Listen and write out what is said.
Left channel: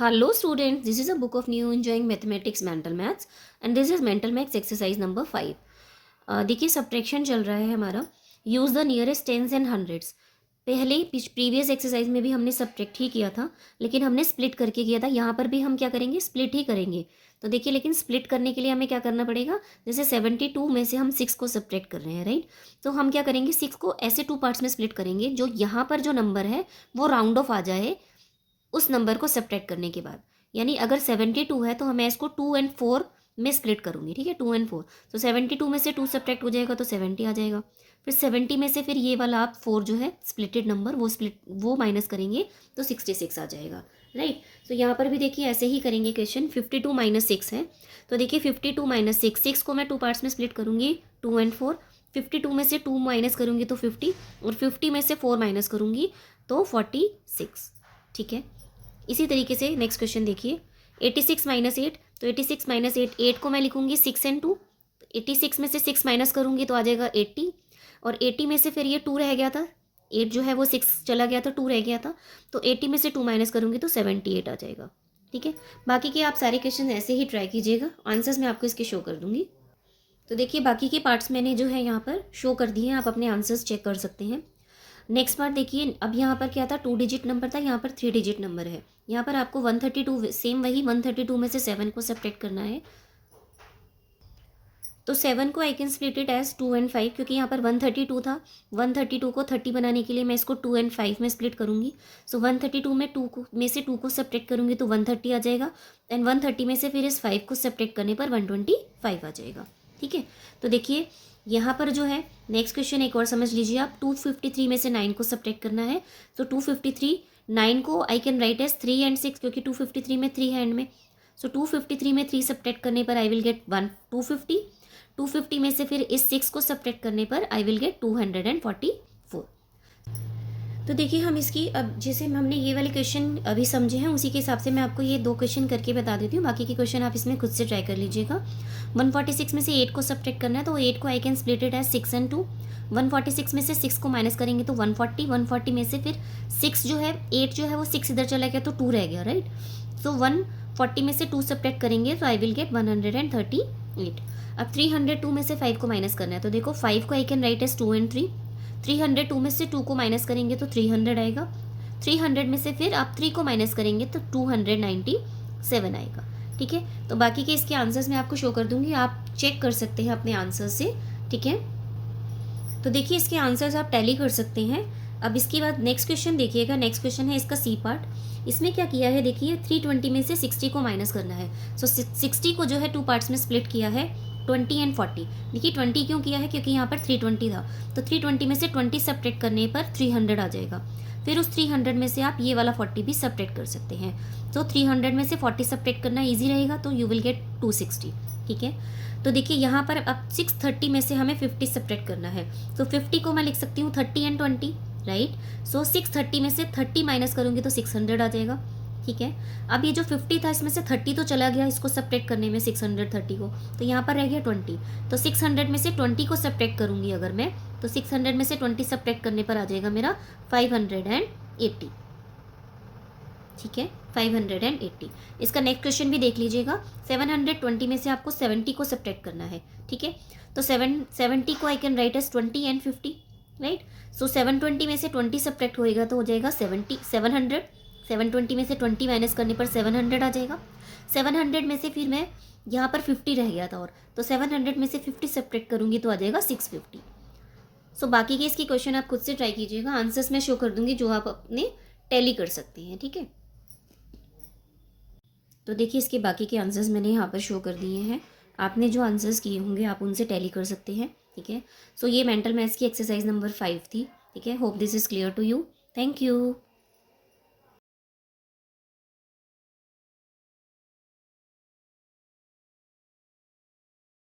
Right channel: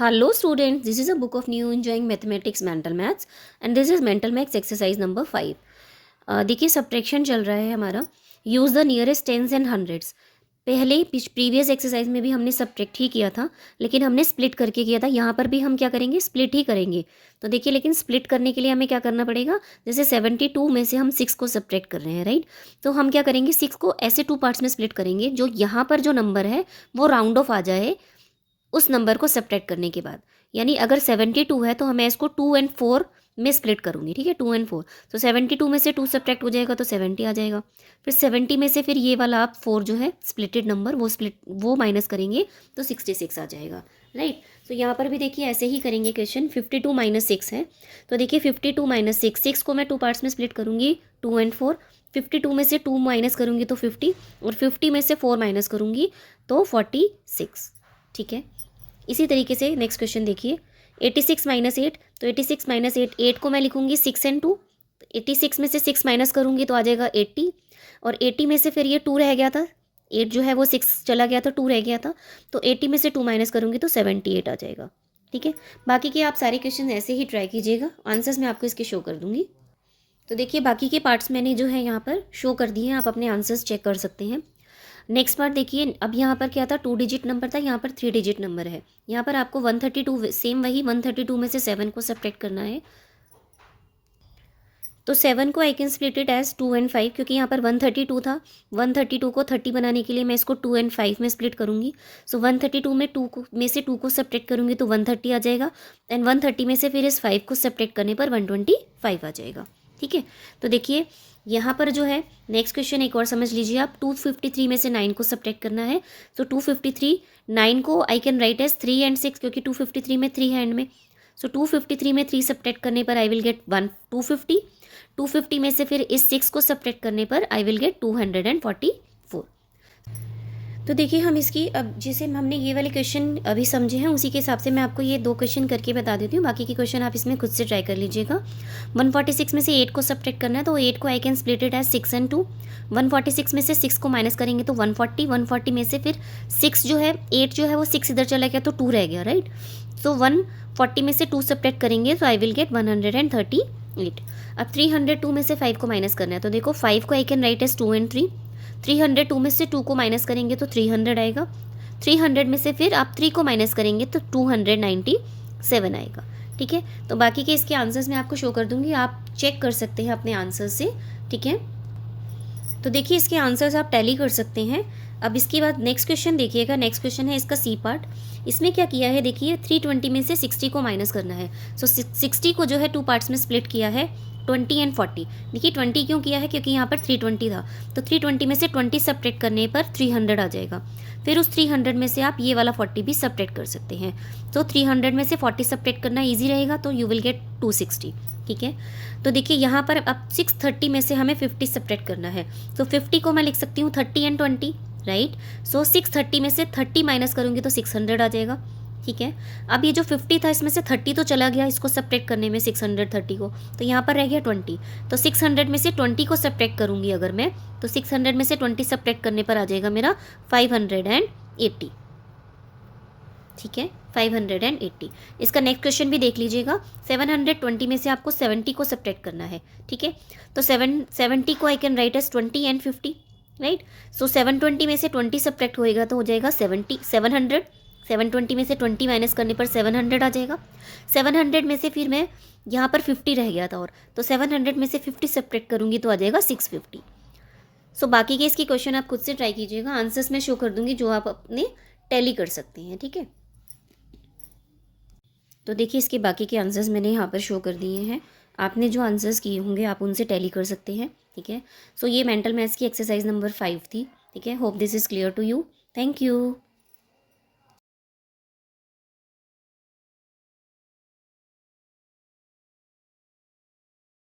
Hello students, this is a book of new enjoying mathematics mental maths and this is mental maths exercise number 5. देखिए subtraction चल रहा है हमारा. Use the nearest tense and hundreds. पहले previous exercise में भी हमने subtract ही किया था, लेकिन हमने स्प्लिट करके किया था. यहाँ पर भी हम क्या करेंगे, स्प्लिट ही करेंगे. तो देखिए, लेकिन स्प्लिट करने के लिए हमें क्या करना पड़ेगा, जैसे 72 में से हम 6 को सब्ट्रैक्ट कर रहे हैं, राइट. तो हम क्या करेंगे, 6 को ऐसे 2 पार्ट्स में स्प्लिट करेंगे जो यहाँ पर जो नंबर है वो राउंड ऑफ आ जाए उस नंबर को सब्ट्रैक्ट करने के बाद. यानी अगर 72 है तो मैं इसको 2 और 4 में स्प्लिट करूँगी, ठीक है, 2 और 4. तो 72 में से 2 सब्ट्रैक्ट हो जाएगा तो 70 आ जाएगा. फिर 70 में से फिर ये वाला आप 4 जो है स्प्लिटेड नंबर वो माइनस करेंगे तो 66 आ जाएगा, राइट. तो यहाँ पर भी देखिए ऐसे ही करेंगे क्वेश्चन. 52 - 6 है, तो देखिए 52 - 6 को मैं 2 पार्ट्स में स्प्लिट करूँगी, 2 और 4. 52 में से 2 माइनस करूँगी तो 50 और 50 में से 4 माइनस करूँगी तो 46, ठीक है. इसी तरीके से नेक्स्ट क्वेश्चन देखिए. 86 - 8, तो 86 - 8, 8 को मैं लिखूंगी 6 और 2. 86 में से 6 माइनस करूंगी तो आ जाएगा 80 और 80 में से फिर ये 2 रह गया था. 8 जो है वो 6 चला गया था, 2 रह गया था, तो 80 में से 2 माइनस करूंगी तो 78 आ जाएगा, ठीक है. बाकी के आप सारे क्वेश्चन ऐसे ही ट्राई कीजिएगा. आंसर्स मैं आपको इसके शो कर दूंगी. तो देखिए बाकी के पार्ट्स मैंने जो है यहाँ पर शो कर दिए हैं, आप अपने आंसर्स चेक कर सकते हैं. नेक्स्ट पार्ट देखिए. अब यहाँ पर क्या था, 2 डिजिट नंबर था, यहाँ पर 3 डिजिट नंबर है. यहाँ पर आपको 132 सेम वही 132 में से 7 को सब्ट्रैक्ट करना है. तो 7 को I can split it as 2 और 5, क्योंकि यहाँ पर 132 था. 132 को 30 बनाने के लिए मैं इसको 2 और 5 में स्प्लिट करूँगी. सो 132 में से 2 को सब्ट्रैक्ट करूँगी तो 130 आ जाएगा. एंड 130 में से फिर इस 5 को सब्ट्रैक्ट करने पर 125 आ जाएगा, ठीक है. तो देखिए यहाँ पर जो है नेक्स्ट क्वेश्चन एक और समझ लीजिए आप. 253 में से 9 को सब्ट्रैक्ट करना है. तो 253 9 को आई कैन राइट एज 3 और 6, क्योंकि 253 में 3 हैंड में. सो 253 में 3 सब्ट्रैक्ट करने पर आई विल गेट 250. 250 में से फिर इस 6 को सब्ट्रैक्ट करने पर आई विल गेट 244. तो देखिए हम इसकी, अब जैसे हमने ये वाले क्वेश्चन अभी समझे हैं उसी के हिसाब से मैं आपको ये 2 क्वेश्चन करके बता देती हूँ. बाकी के क्वेश्चन आप इसमें खुद से ट्राई कर लीजिएगा. 146 में से 8 को सब्ट्रैक्ट करना है, तो 8 को I can split it as 6 और 2. 146 में से 6 को माइनस करेंगे तो 140. 140 में से फिर 6 जो है 8 जो है वो 6 इधर चला गया तो 2 रह गया, राइट. सो 140 में से 2 सब्ट्रैक्ट करेंगे तो आई विल गेट 138. अब 302 में से 5 को माइनस करना है, तो देखो 5 को आई कैन राइट एज 2 और 3. 302 में से 2 को माइनस करेंगे तो 300 आएगा. 300 में से फिर आप 3 को माइनस करेंगे तो 297 आएगा, ठीक है. तो बाकी के इसके आंसर्स मैं आपको शो कर दूंगी, आप चेक कर सकते हैं अपने आंसर से, ठीक है. तो देखिए इसके आंसर्स आप टैली कर सकते हैं. अब इसके बाद नेक्स्ट क्वेश्चन देखिएगा. नेक्स्ट क्वेश्चन है इसका सी पार्ट. इसमें क्या किया है देखिए, 320 में से 60 को माइनस करना है. सो 60 को जो है 2 पार्ट्स में स्प्लिट किया है, 20 और 40. देखिए 20 क्यों किया है, क्योंकि यहाँ पर 320 था, तो 320 में से 20 सब्ट्रैक्ट करने पर 300 आ जाएगा. फिर उस 300 में से आप ये वाला 40 भी सब्ट्रैक्ट कर सकते हैं. तो 300 में से 40 सब्ट्रैक्ट करना ईजी रहेगा, तो यू विल गेट 260, ठीक है. तो देखिए यहाँ पर अब 630 में से हमें 50 सब्ट्रैक्ट करना है. तो 50 को मैं लिख सकती हूँ 30 और 20, राइट. सो 630 में से 30 माइनस करूँगी तो 600 आ जाएगा, ठीक है. अब ये जो 50 था इसमें से 30 तो चला गया इसको सब्ट्रैक्ट करने में, 630 को, तो यहाँ पर रह गया 20. तो 600 में से 20 को सब्ट्रैक्ट करूँगी अगर मैं, तो 600 में से 20 सब्ट्रैक्ट करने पर आ जाएगा मेरा 580, ठीक है, 580. इसका नेक्स्ट क्वेश्चन भी देख लीजिएगा. 720 में से आपको 70 को सब्ट्रैक्ट करना है, ठीक है. तो 70 को आई कैन राइट एज 20 और 50, राइट. सो 720 में से 20 सब्ट्रैक्ट होएगा तो हो जाएगा 700. 720 में से 20 माइनस करने पर 700 आ जाएगा. 700 में से फिर मैं यहाँ पर 50 रह गया था, और तो 700 में से 50 सब्ट्रैक्ट करूँगी तो आ जाएगा 650. सो बाकी के इसकी क्वेश्चन आप खुद से ट्राई कीजिएगा. आंसर्स मैं शो कर दूंगी जो आप अपने टैली कर सकते हैं, ठीक है. तो देखिए इसके बाकी के आंसर्स मैंने यहाँ पर शो कर दिए हैं. आपने जो आंसर्स किए होंगे आप उनसे टैली कर सकते हैं, ठीक है. सो ये मेंटल मैथ्स की एक्सरसाइज नंबर 5 थी, ठीक है. Hope this is clear to you. Thank you.